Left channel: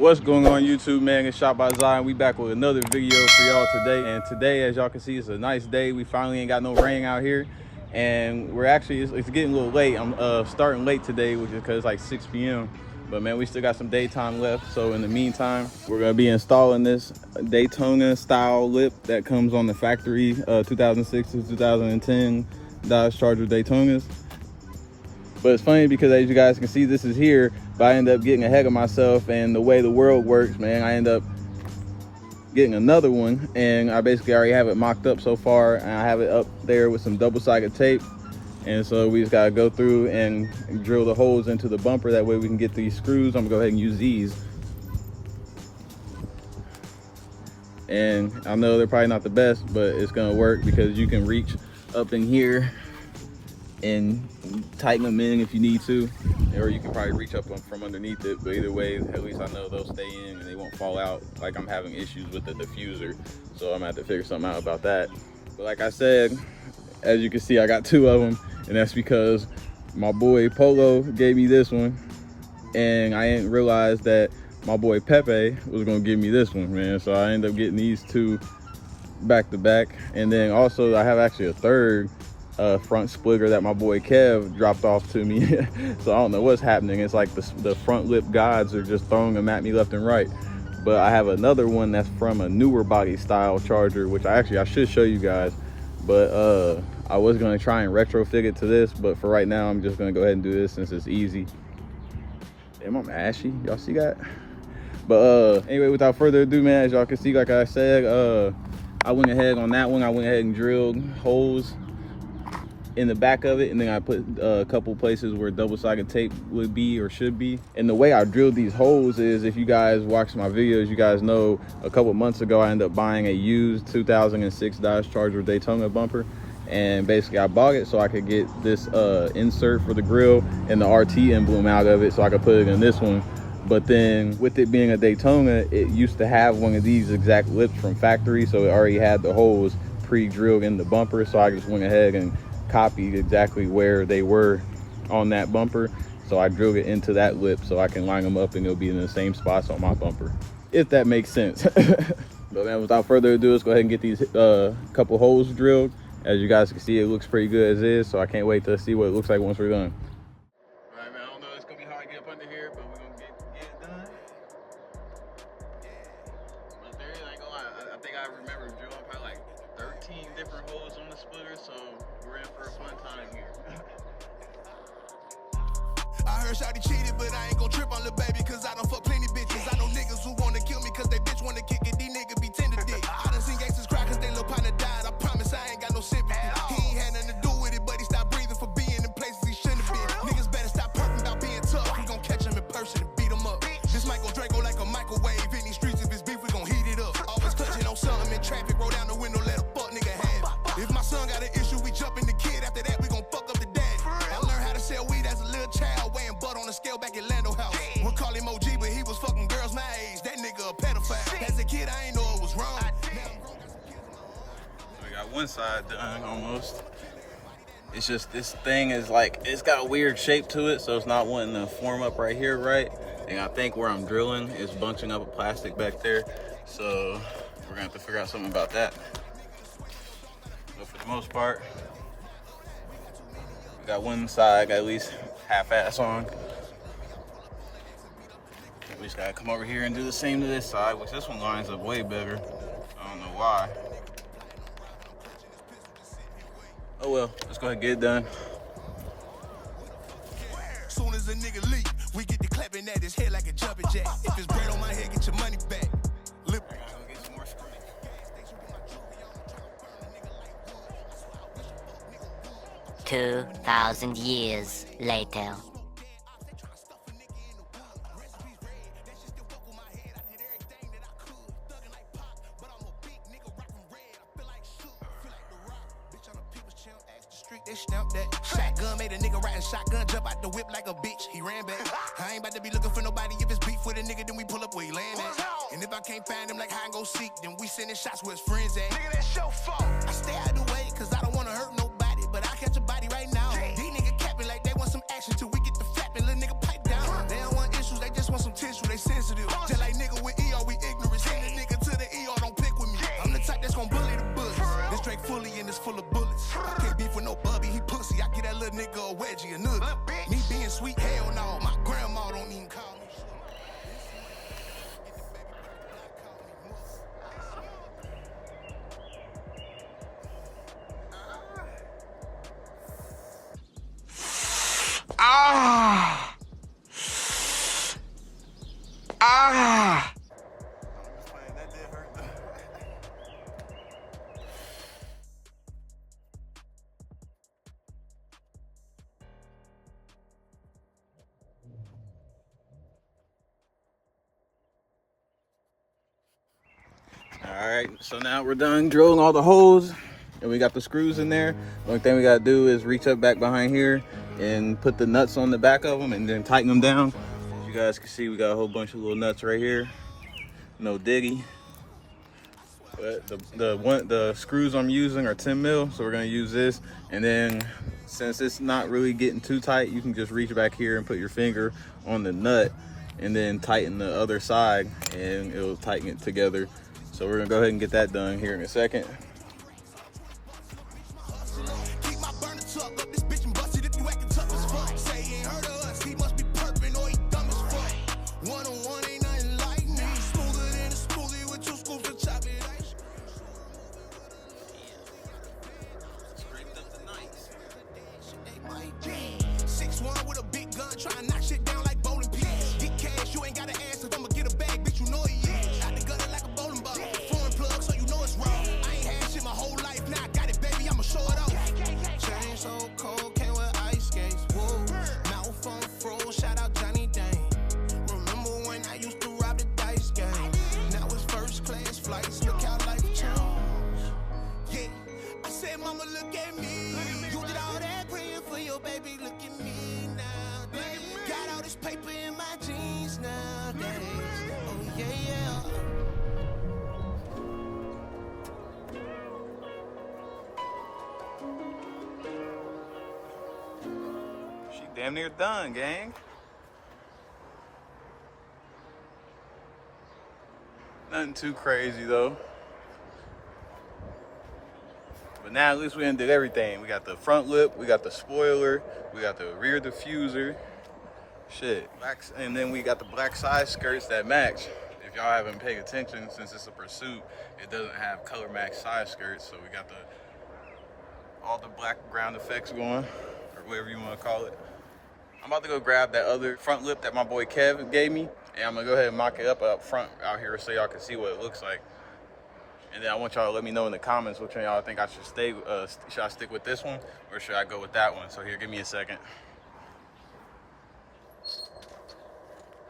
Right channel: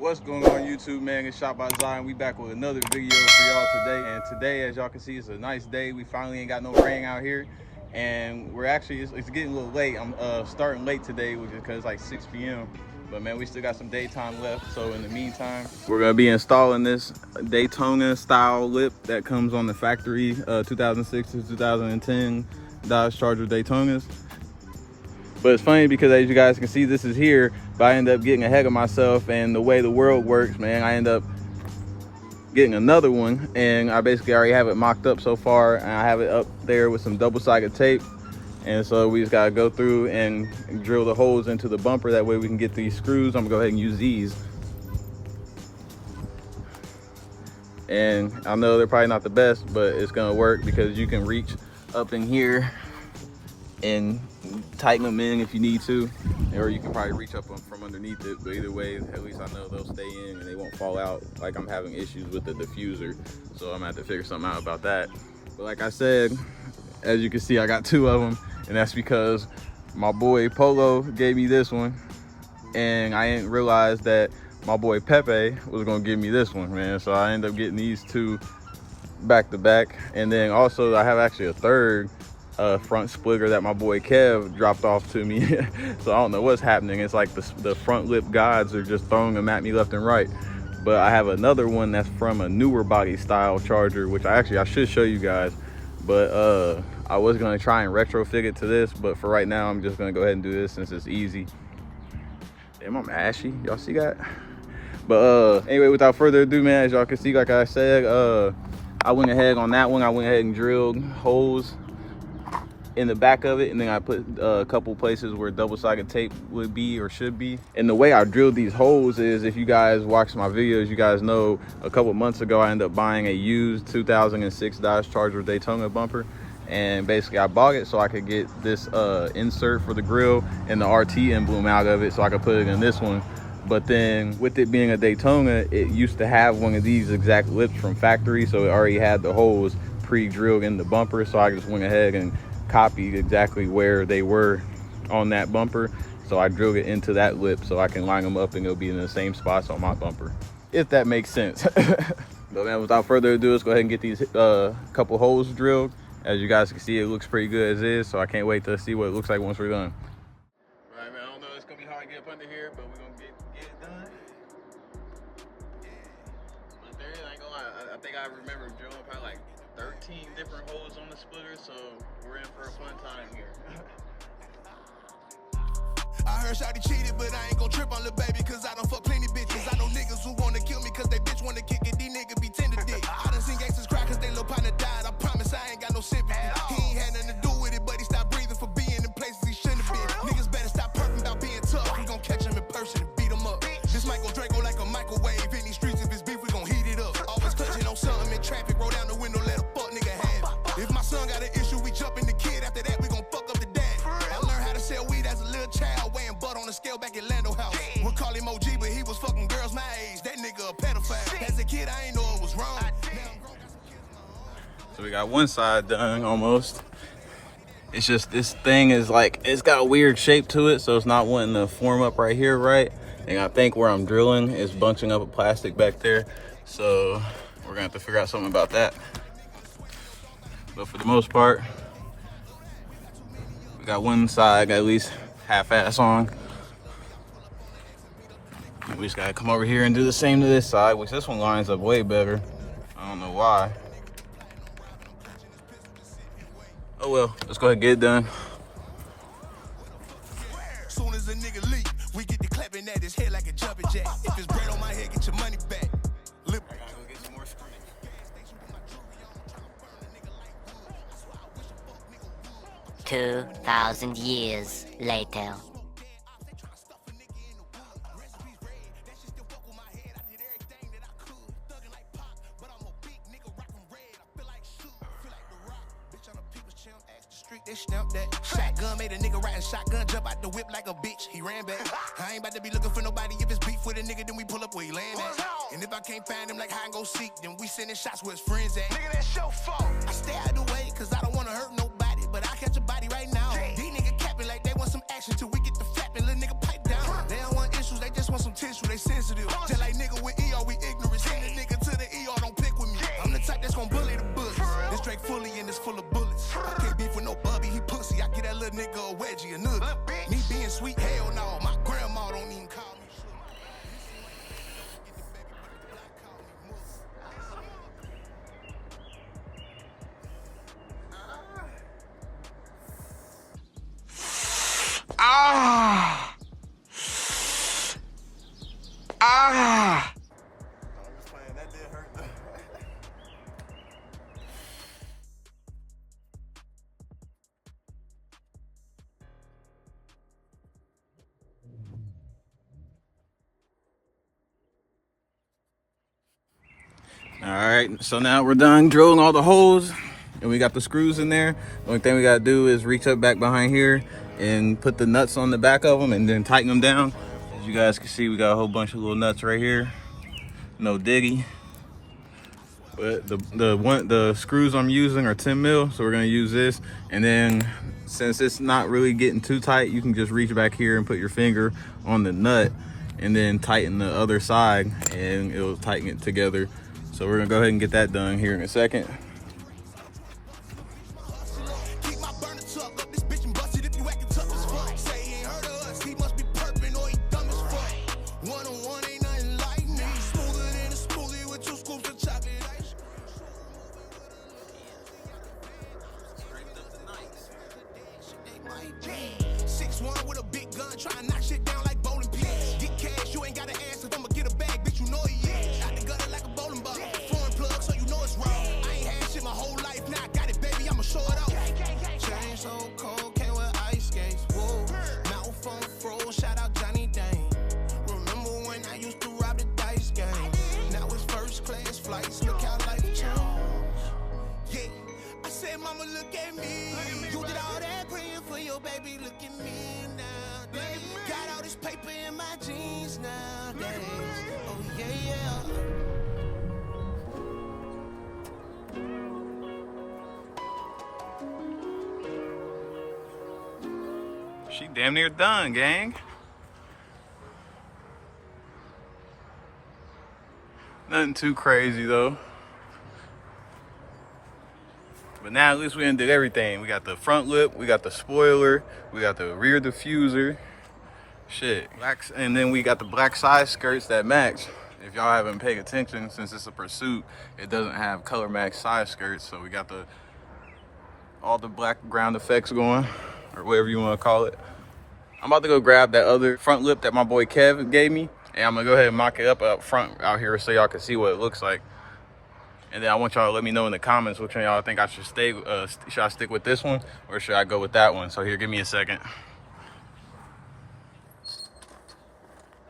What's going on YouTube, man? It's Shot by Zion. We back with another video for y'all today. And today, as y'all can see, it's a nice day. We finally ain't got no rain out here. And we're actually, it's getting a little late. I'm starting late today, which is because it's like 6 p.m. But man, we still got some daytime left. So in the meantime, we're gonna be installing this Daytona style lip that comes on the factory 2006 to 2010 Dodge Charger Daytonas. But it's funny because as you guys can see, this is here, but I end up getting ahead of myself, and the way the world works, man, I end up getting another one, and I basically already have it mocked up so far, and I have it up there with some double-sided tape. And so we just gotta go through and drill the holes into the bumper. That way we can get these screws. I'm gonna go ahead and use these. And I know they're probably not the best, but it's gonna work because you can reach up in here and tighten them in if you need to, or you can probably reach up from underneath it. But either way, at least I know they'll stay in and they won't fall out. Like, I'm having issues with the diffuser, so I'm gonna have to figure something out about that. But like I said, as you can see, I got two of them, and that's because my boy Polo gave me this one, and I didn't realize that my boy Pepe was gonna give me this one, man. So I ended up getting these two back to back. And then also I have actually a third front splitter that my boy Kev dropped off to me. So I don't know what's happening. It's like the front lip gods are just throwing them at me left and right. But I have another one that's from a newer body style Charger, which I should show you guys. But I was gonna try and retrofit it to this, but for right now I'm just gonna go ahead and do this since it's easy. Damn, I'm ashy, y'all see that? But anyway, without further ado, man, as y'all can see, like I said, I went ahead on that one. I went ahead and drilled holes in the back of it, and then I put a couple places where double-sided tape would be or should be. And the way I drilled these holes is, if you guys watch my videos, you guys know a couple months ago I ended up buying a used 2006 Dodge Charger Daytona bumper, and basically I bought it so I could get this insert for the grill and the RT emblem out of it so I could put it in this one. But then with it being a Daytona, it used to have one of these exact lips from factory, so it already had the holes pre-drilled in the bumper. So I just went ahead and copied exactly where they were on that bumper. So I drilled it into that lip so I can line them up and it'll be in the same spots on my bumper, if that makes sense. But man, without further ado, let's go ahead and get these couple holes drilled. As you guys can see, it looks pretty good as is, so I can't wait to see what it looks like once we're done. Right, man, I don't know, it's gonna be hard to get up under here, but we're gonna get it done. I think I remember drilling probably like 13 different holes on the splitter, so we're in for a fun time here. I heard Shawty cheated, but I ain't gon' trip on the baby, cause I done fuck plenty bitches. I know niggas who wanna kill me cause they bitch wanna kick it. These niggas be tender dick. I done seen gangsters cry cause they little partner died. I promise I ain't got no sympathy. He ain't had nothing to do with it, but he stopped breathing for being in places he shouldn't have been. Niggas better stop perking about being tough. We gon' catch him in person and beat him up. This mic gon' Draco like a microwave. In these streets, if it's beef, we gon' heat it up. Always clutching on something in traffic. Roll down the window, let a fuck nigga have it. If my son got an issue, we jump in the kid. After that, we gon' fuck up the dad. I learned how to sell weed as a little child, weighing butt on a scale back at Lando House. We'll call him OG, but he was fucking girls my age. That nigga a pedophile. As a kid, I ain't know it was wrong. So we got one side done almost. It's just this thing is like, it's got a weird shape to it, so it's not wanting to form up right here, right? And I think where I'm drilling is bunching up a plastic back there. So we're gonna have to figure out something about that. But for the most part, we got one side got at least half-ass on. We just gotta come over here and do the same to this side, which this one lines up way better. I don't know why. Oh well, let's go ahead and get it done. Soon as a nigga leak, we get to clapping at his head like a jumping jack. If it's bread on my head, get your money back. Lip. 2,000 years later. They stamped that shotgun, made a nigga riding shotgun, jump out the whip like a bitch. He ran back. I ain't about to be looking for nobody. If it's beef with a nigga, then we pull up where he land at. And if I can't find him like hide and go seek, then we sending shots where his friends at. Nigga, that's your fault. I stay out the way, cause I don't wanna hurt nobody, but I catch a body right now. These niggas capping like they want some action till we get the flapping. Little nigga pipe down. They don't want issues, they just want some tissue. They sensitive. Just like nigga with ER, we ignorant. Send a nigga to the ER, don't pick with me. I'm the type that's gon' bully the bullets. This Drake fully and it's full of bullets. I can't beef with no bubby, he pussy. I get that little nigga a wedgie, a nugget. Me being sweet, hell no. My grandma don't even call me sugar. This seem like the baby, don't forget the baby, but the block call me mother. Ah! Ah! All right, so now we're done drilling all the holes and we got the screws in there. Only thing we gotta do is reach up back behind here and put the nuts on the back of them and then tighten them down. As you guys can see, we got a whole bunch of little nuts right here. No diggy. But the screws I'm using are 10 mil, so we're gonna use this. And then since it's not really getting too tight, you can just reach back here and put your finger on the nut and then tighten the other side and it'll tighten it together. So we're gonna go ahead and get that done here in a second. Keep my burner tuck up, this bitch and busted if you acting tough as fuck. Say he ain't heard of us, he must be perping or he dumb as fuck. One-on-one ain't nothing like me. Smoother than a smoothie with 2 scoops of chocolate ice. 6'1" with a big gun, try to knock shit down like bowling pins. Get cash, you ain't gotta ask if I'ma get a bag, bitch, you know he is. Out the gutter like a bowling ball. Foreign plug, so you know it's raw. I ain't had shit my whole life, now I got it, baby, I'ma show it off. Chain so cold, can't wear ice skates, whoa. Mouth on froze, shout out Johnny Dane. Remember when I used to rob the dice game? Now it's first class flights, look how life changed. Yeah, I said, mama, look at me. You did all that praying for your baby, look at me now. Got all this paper in my jeans nowadays. Oh, yeah, yeah. She damn near done, gang. Nothing too crazy though. But now at least we done did everything. We got the front lip, we got the spoiler, we got the rear diffuser. Shit. And then we got the black side skirts that match. If y'all haven't paid attention, since it's a Pursuit, it doesn't have color match side skirts. So we got all the black ground effects going, or whatever you want to call it. I'm about to go grab that other front lip that my boy Kev gave me, and I'm gonna go ahead and mock it up front out here so y'all can see what it looks like. And then I want y'all to let me know in the comments which one y'all think I should stay. Should I stick with this one or should I go with that one? So here, give me a second. All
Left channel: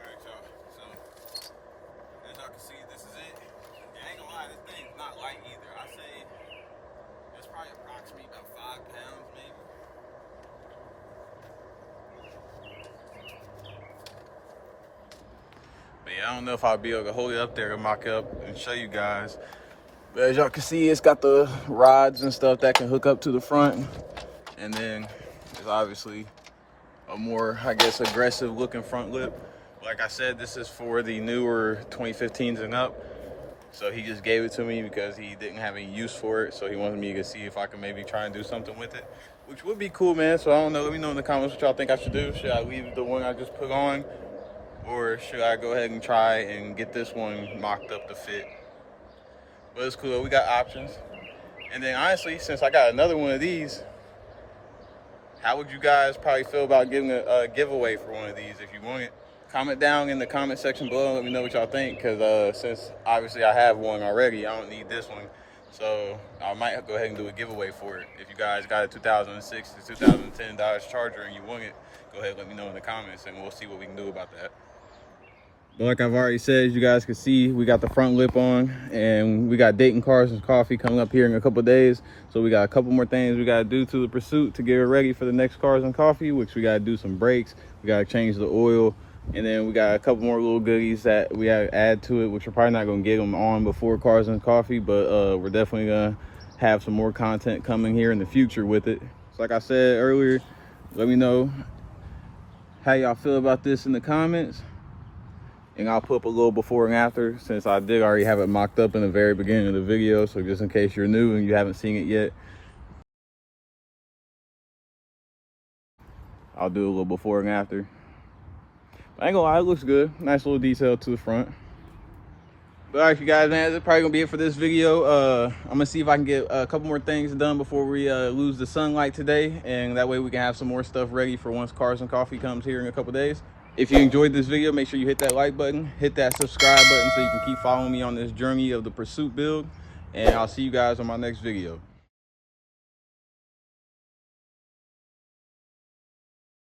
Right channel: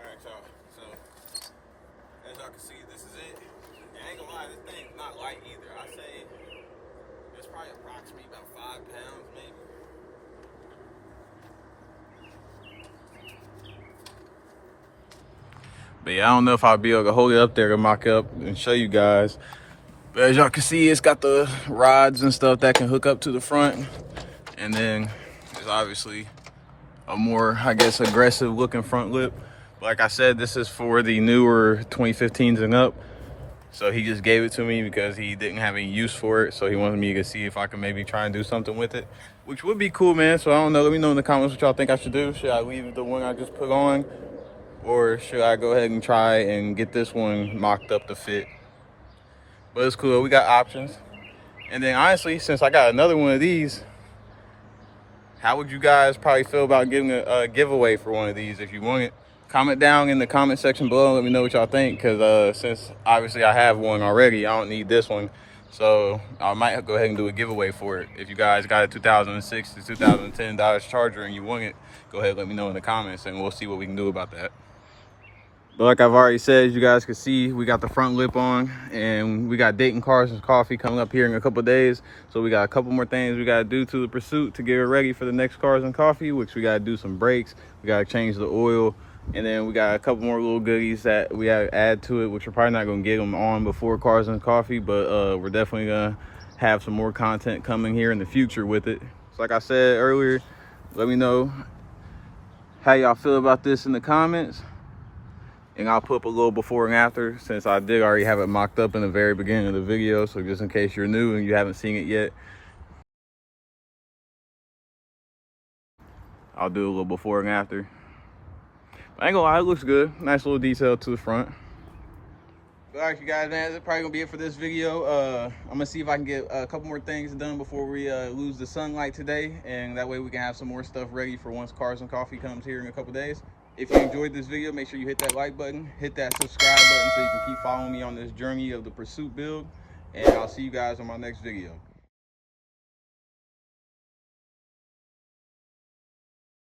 right, y'all. So as y'all can see, this is it. And I ain't gonna lie, this thing's not light either. I say it's probably approximately about 5 pounds, maybe. But yeah, I don't know if I'll be able to hold it up there to mock up and show you guys. But as y'all can see, it's got the rods and stuff that can hook up to the front. And then there's obviously a more, I guess, aggressive looking front lip. Like I said, this is for the newer 2015s and up. So he just gave it to me because he didn't have any use for it. So he wanted me to see if I could maybe try and do something with it, which would be cool, man. So I don't know, let me know in the comments what y'all think I should do. Should I leave the one I just put on? Or should I go ahead and try and get this one mocked up to fit? But it's cool, we got options. And then honestly, since I got another one of these, how would you guys probably feel about giving a giveaway for one of these if you want it? Comment down in the comment section below, let me know what y'all think, because since obviously I have one already, I don't need this one. So I might go ahead and do a giveaway for it. If you guys got a 2006 to 2010 Dodge Charger and you want it, go ahead and let me know in the comments and we'll see what we can do about that. But like I've already said, you guys can see we got the front lip on and we got Dayton Cars and Coffee coming up here in a couple of days. So we got a couple more things we got to do to the Pursuit to get it ready for the next Cars and Coffee, which we got to do some brakes. We got to change the oil. And then we got a couple more little goodies that we got to add to it, which we're probably not going to get them on before Cars and Coffee, but we're definitely going to have some more content coming here in the future with it. So like I said earlier, let me know how y'all feel about this in the comments. And I'll put up a little before and after, since I did already have it mocked up in the very beginning of the video. So just in case you're new and you haven't seen it yet, I'll do a little before and after. I ain't gonna lie, it looks good. Nice little detail to the front. But all right, you guys, man, that's probably gonna be it for this video. I'm gonna see if I can get a couple more things done before we lose the sunlight today, and that way we can have some more stuff ready for once Cars and Coffee comes here in a couple days. If you enjoyed this video, make sure you hit that like button, hit that subscribe button so you can keep following me on this journey of the pursuit build, and I'll see you guys on my next video.